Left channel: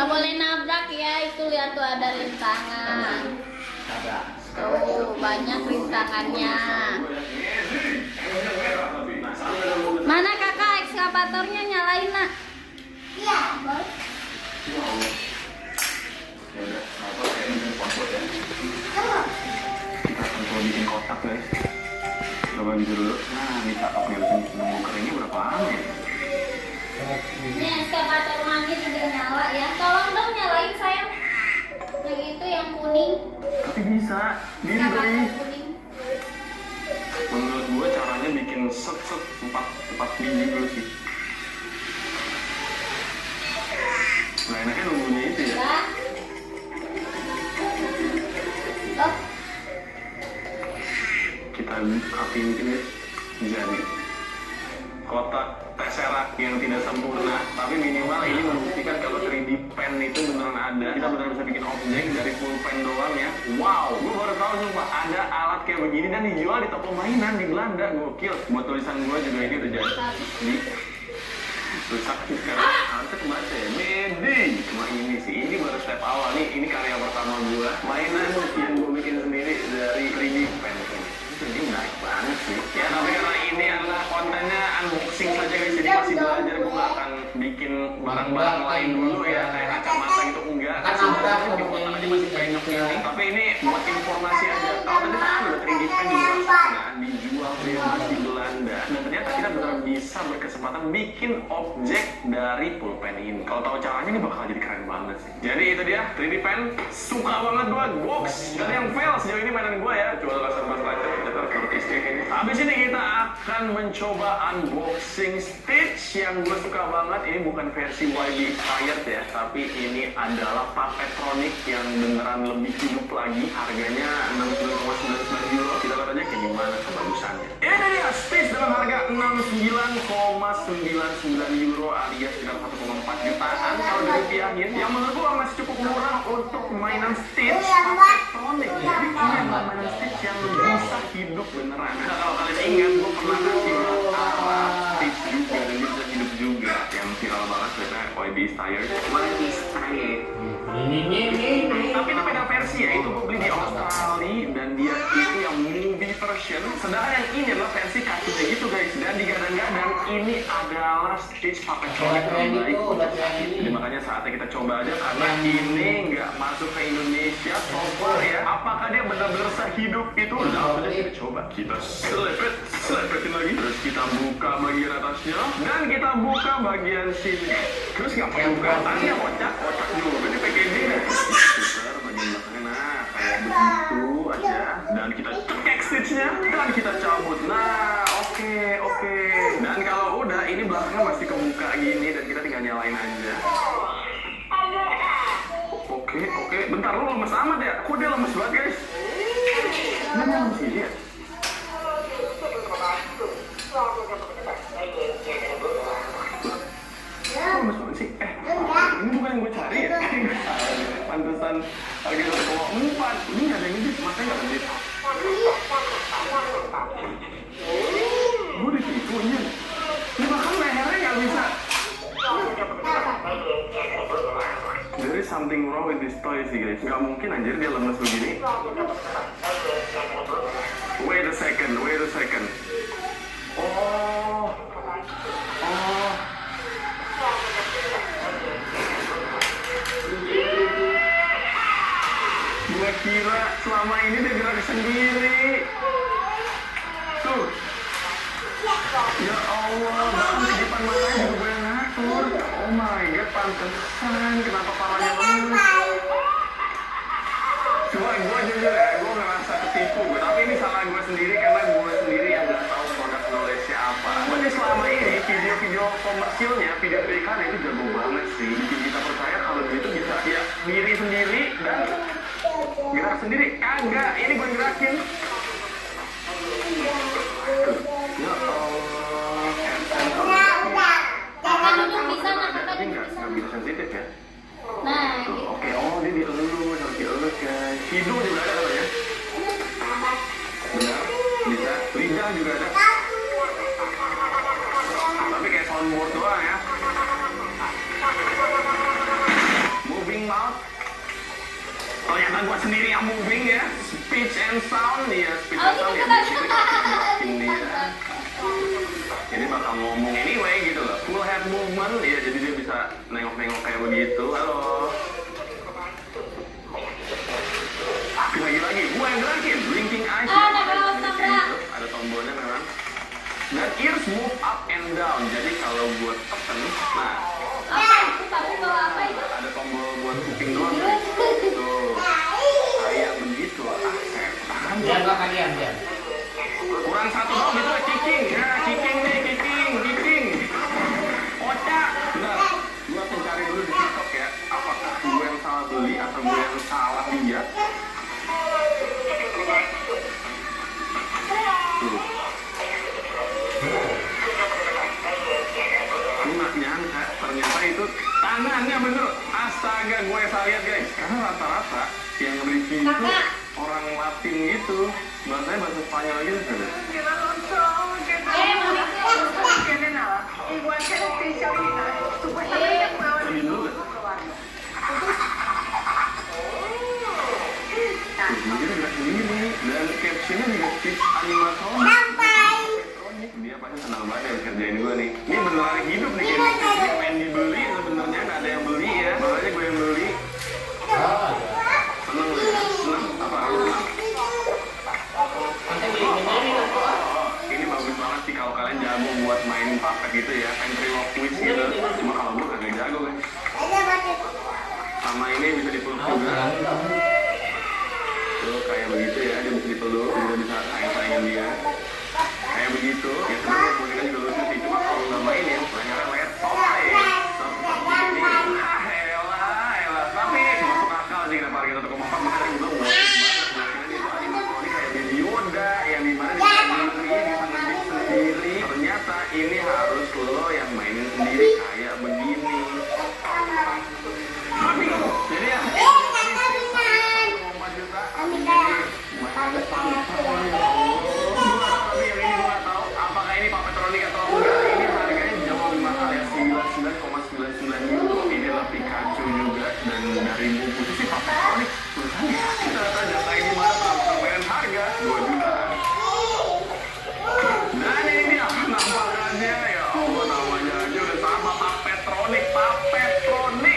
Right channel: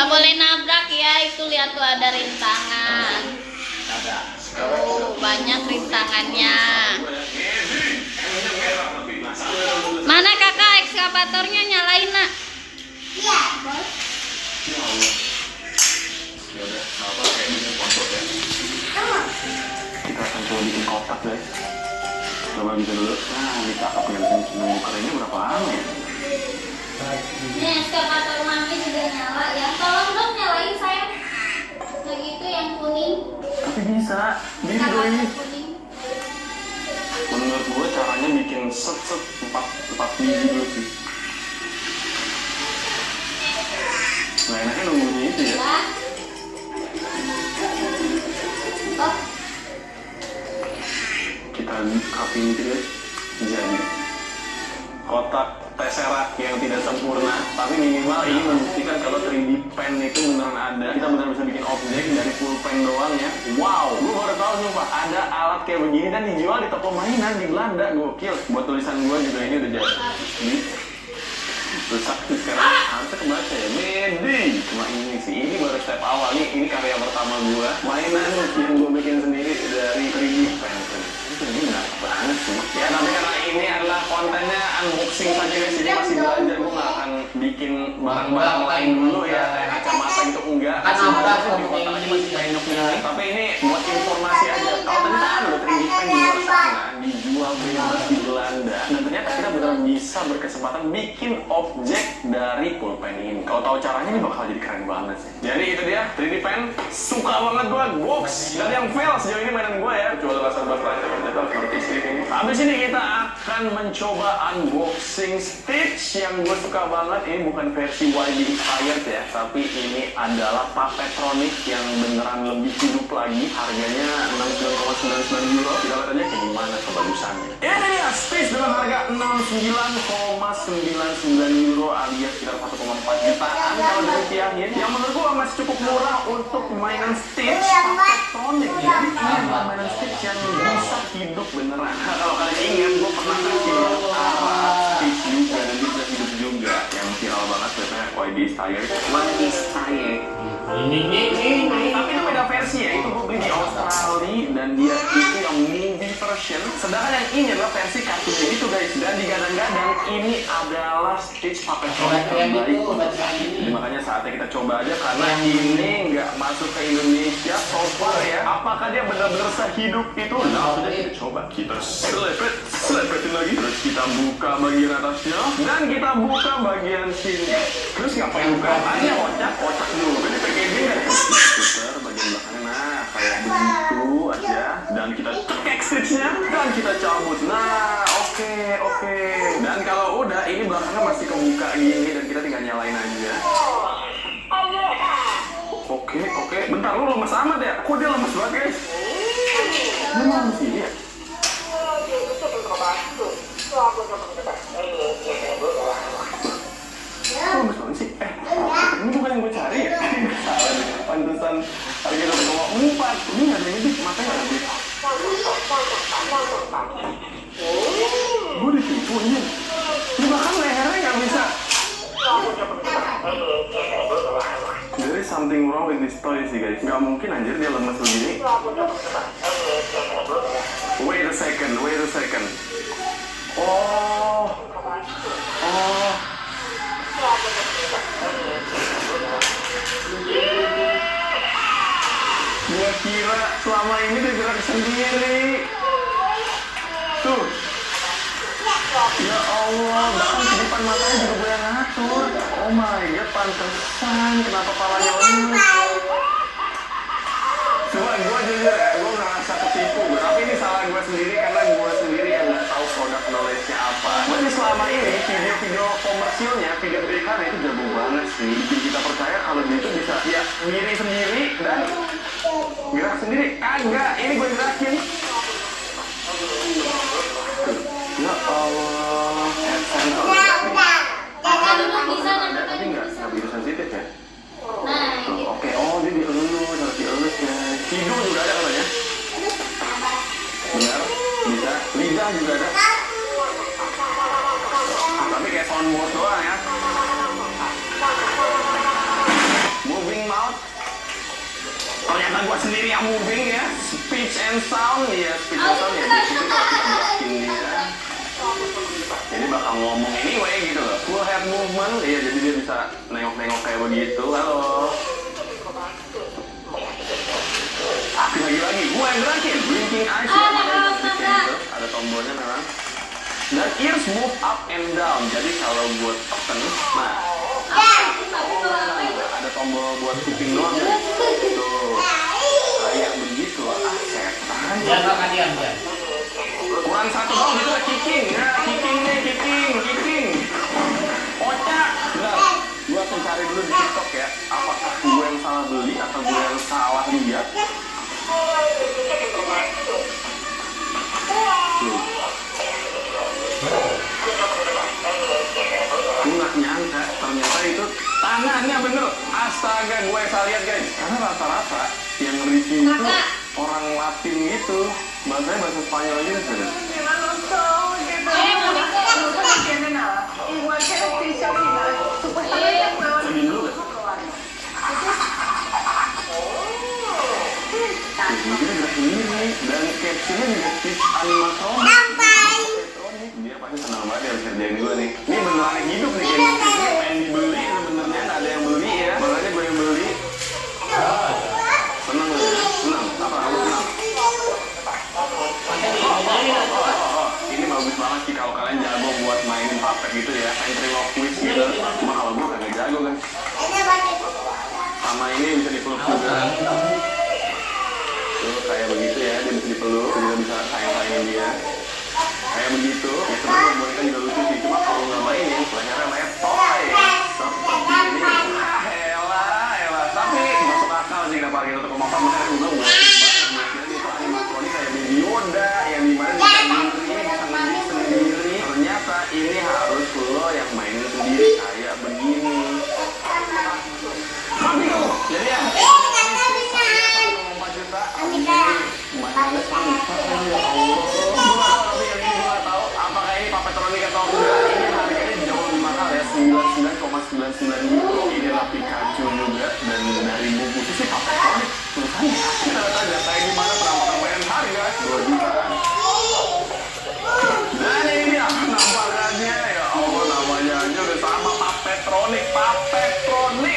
Nggak boleh nabrak ya, itu lihat tuh ada rintangan. Tuh banyak rintangannya. Mana kakak ekskavatornya, nyalain nak? Iya, Bos. Kita akan coba bikin kotak guys. Coba bisa dulu. Nah, kita yang muter ini berapa lama ya? Ini ekskavator mami sudah nyala ya. Tolong dong nyalain sayang. Yang itu yang kuning. Tapi bisa. Dia Ekskavator guys. kuning. Menurut gue caranya bikin set 4 biji gitu sih. Nah enaknya nunggunya itu ya. Lah. Oh, Kita rapiin gitu guys. Jadi kotak tesseract yang tidak sempurna, tapi minimal ini membuktikan kalau 3D pen itu beneran ada. Kita benar bisa bikin objek dari pulpen doang ya. Wow, gue baru tahu nih Pak, ada alat kayak begini dan dijual di toko mainan di Belanda. Gokil. Buat tulisan gue juga ini udah jadi. Terus aku sekarang harusnya kebaca ya. Medi. Nah ini sih, ini baru step awal nih. Ini karya pertama gue. Mainan yang gue bikin sendiri dari 3D pen. Ini menarik banget sih. Ya tapi karena ini adalah kontennya unboxing saja guys, jadi masih belajar. Gue gak akan bikin barang-barang lain dulu ya, kayak kacamata itu enggak. Kan nabrak kalau kayak gini kayak enaknya. Tapi ini buat informasi aja. Kalau ternyata ada 3D pen di luar sana dijual bebas di Belanda. Dan ternyata kita benar bisa berkesempatan bikin objek dari pulpen ini. Kalau tahu caranya ini bakal jadi keren banget sih. Jadi itu dia 3D pen. Suka banget gue box. Dan yang fail sejauh ini mainan gue ya. Jual rasa aja ya. Habis ini kita akan mencoba unboxing Stitch yang gue suka banget. Ini bukan versi YB Inspired ya, tapi ini adalah Puppetomic yang beneran lebih hidup lagi. Harganya 69,99 euro. Kita lihat aja kayak gimana kebagusannya. Ini dia Stitch dengan harga 69,99 euro alias sekitar 1,4 jutaan. Kalau dirupiahin, yang menurut gue masih cukup murah untuk mainan Stitch Puppetomic. Jadi ini mainan Stitch yang bisa hidup beneran. Kalau kalian ingat, gue pernah kasih Stitch juga, dia bisa hidup juga. Yang viral banget sebenarnya YB Inspired. Ini tapi itu beda versi ya, itu gue beli di Australia dan dia itu yang movie version. Sedangkan yang ini adalah versi kartunya gitu guys. Dan digadang-gadang ini adalah Stitch Puppetomic terbaik. Jadi makanya saatnya kita coba aja karena ini nggak masuk ke Indonesia. So ya, apakah dia benar-benar sehidup itu? Nah, kita coba kita selepetin lagi. Terus kita buka bagian atasnya dan kita buka bagian sini. Terus ngapain buka atasnya? Otak dulu. Ini packaging. Putar bagian belakangnya. Nah, kayak begitu aja. Dan kita cekek Stitchnya dan kita cabut. Nah, oke. Dan kalau udah, ini belakangnya masih kebuka gini dan kita tinggal nyalain aja. Oke. Bentar, lu lemes amat ya? Kok dia lemes banget guys? Lu lemes sini ya? Lemes banget sih? Ini bukan yang gue cari ya? Pantesan harga 1,4. Ini ada yang ini, makanya ada. Gue ditipu nih. Ini bahkan lehernya nggak bisa. There is something wrong with this toy sih guys. Gak mungkin anjir dia lemes begini. Wait a second. Oh. Gua kira selama ini dia gerak sendiri. Tuh. Ya Allah, bahkan di depan matanya juga udah ngatur. Oh my god, pantesan kenapa kepalanya lemes. Coba gue jujur ya, gue ngerasa ketipu. Tapi ini salah gue sendiri karena gue sendiri yang gak tahu produk knowledge-nya apa. Tapi selama ini video-video komersilnya, video berikan itu jago banget sih. Bikin kita percaya kalau dia itu bisa dia diri sendiri dan gerak sendiri. Kagak, ini gue gerakin. Ya Allah. jangan bisa nak Tapi nggak begitu sensitif ya. Nah, gitu. Oke, dia dielus, harus dielus ya. Hidung juga ada ya? Benar, bisa. Lidah juga ada. Tapi kayak soundboard doang ya. nggak moving ya, speech and sound ya, speech and sound ya. Itu bikin dia. Jadi bakal ngomong anyway gitu loh. Full head movement ya, jadi dia bisa nengok-nengok kayak begitu. Halo. Lagi-lagi, gue yang gerakin, blinking eyes. Ada tombolnya memang. Dan ears move up and down. Jadi kalau buat tekan, nah ada tombol buat kuping doang. Kayak begitu lah. Setan. Diam Kak, diam. Kurang satu doang itu kicking. Nah, kicking nih, kicking. Kocak. Nah, gue akan cari dulu di TikTok ya. Apakah gue yang salah beli atau gue yang salah lihat? Gue gak nyangka, ternyata itu tangannya bener. Astaga, gue salah lihat guys. Karena rata-rata yang review itu orang Latin gitu. Bahasanya bahasa Spanyol gitu. Ini dulu kan? Ini dan captionnya juga tips animatronik. Dia pasti senang banget ya kerjain gue nih. Ini beneran hidup nih kayak ini main dibeli sebenarnya nggak ada yang beli ya. Makanya gue yang beli. Seneng. Apa lu bilang? Ini bagus banget sih kalau kalian jago buat mainin puppet gitu ya. Ventriloquist gitu. Cuma kalau gue nggak jago kan. Sama ini bisa dipeluk juga. Tuh kayak begitu ya, dia bisa dipeluk, juga bisa sayang-sayangin dia. Kayak begitu, ya sebenarnya boneka juga lucu sih, cuma kalau nggak main ya, kebanyakan main toy. Seperti ini, elah. Tapi masuk akal sih kenapa kita untuk memakan makanya gue banyak itu animatronik kayak Baby Yoda, yang dimana bisa main sendiri. Ternyata ini harus lo yang mainin sendiri kayak begini. Jadi ya, apakah ini papetronik atau enggak? Ini harganya jauh lebih mahal ya, 99,99 euro. Ini adalah Pikachu juga, dan dari buku itu sih papetronik tulisannya. Data ini mana sama permainan harga 2 juta. Dan ini dia namanya ya Allah, namanya aja udah sama papetronik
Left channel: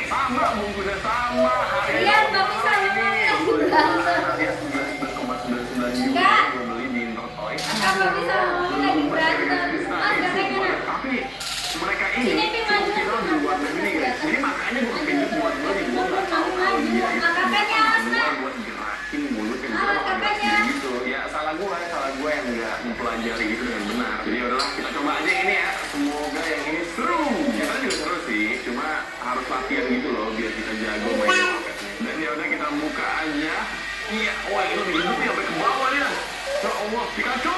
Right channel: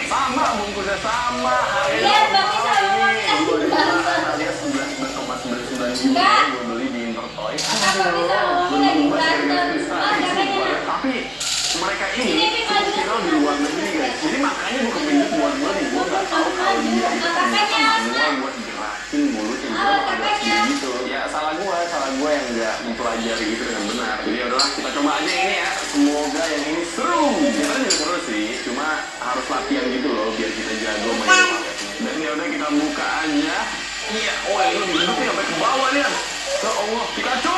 sama bungkusnya sama. Iya, tapi sama Dia 11,99 gue beli di Intertoy. lagi berantem. Tapi mereka ini fungsional di luar negeri guys. Jadi makanya gue kepincut buat beli. Gue gak tau kalau dia itu fungsional buat gerakin mulutnya gitu. Ya salah gue yang gak mempelajari itu dengan benar. Jadi yaudah kita coba aja ini ya. Semoga yang ini seru. Kita juga seru sih. Cuma harus latihan gitu loh biar kita jago main. Dan yaudah kita buka aja. Iya, ini digigitnya sampai ke bawah ya. Ya Allah, Pikachu!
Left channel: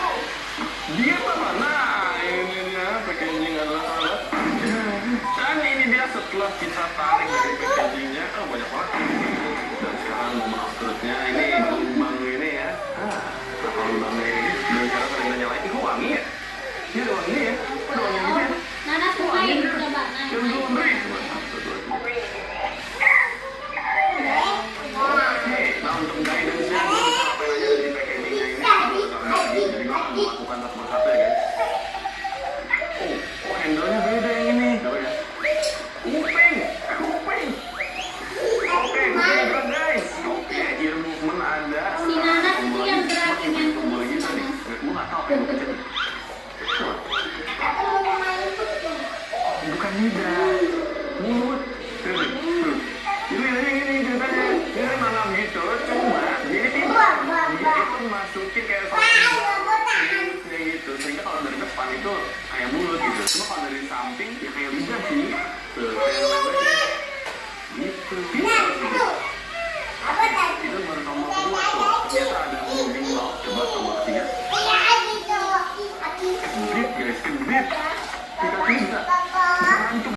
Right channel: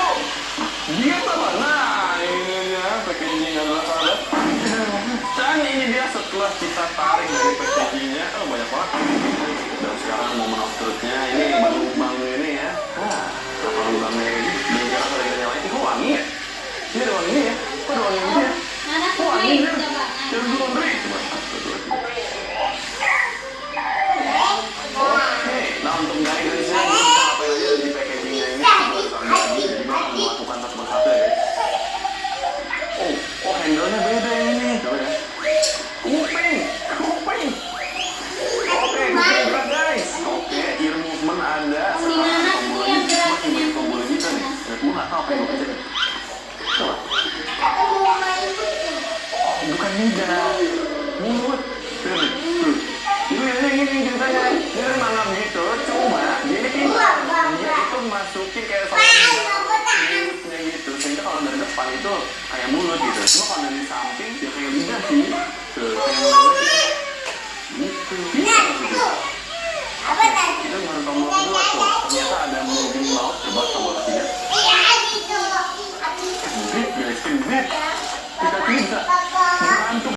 Dia apa? Nah, ini dia packaging dan masalah. Dan ini dia setelah kita tahu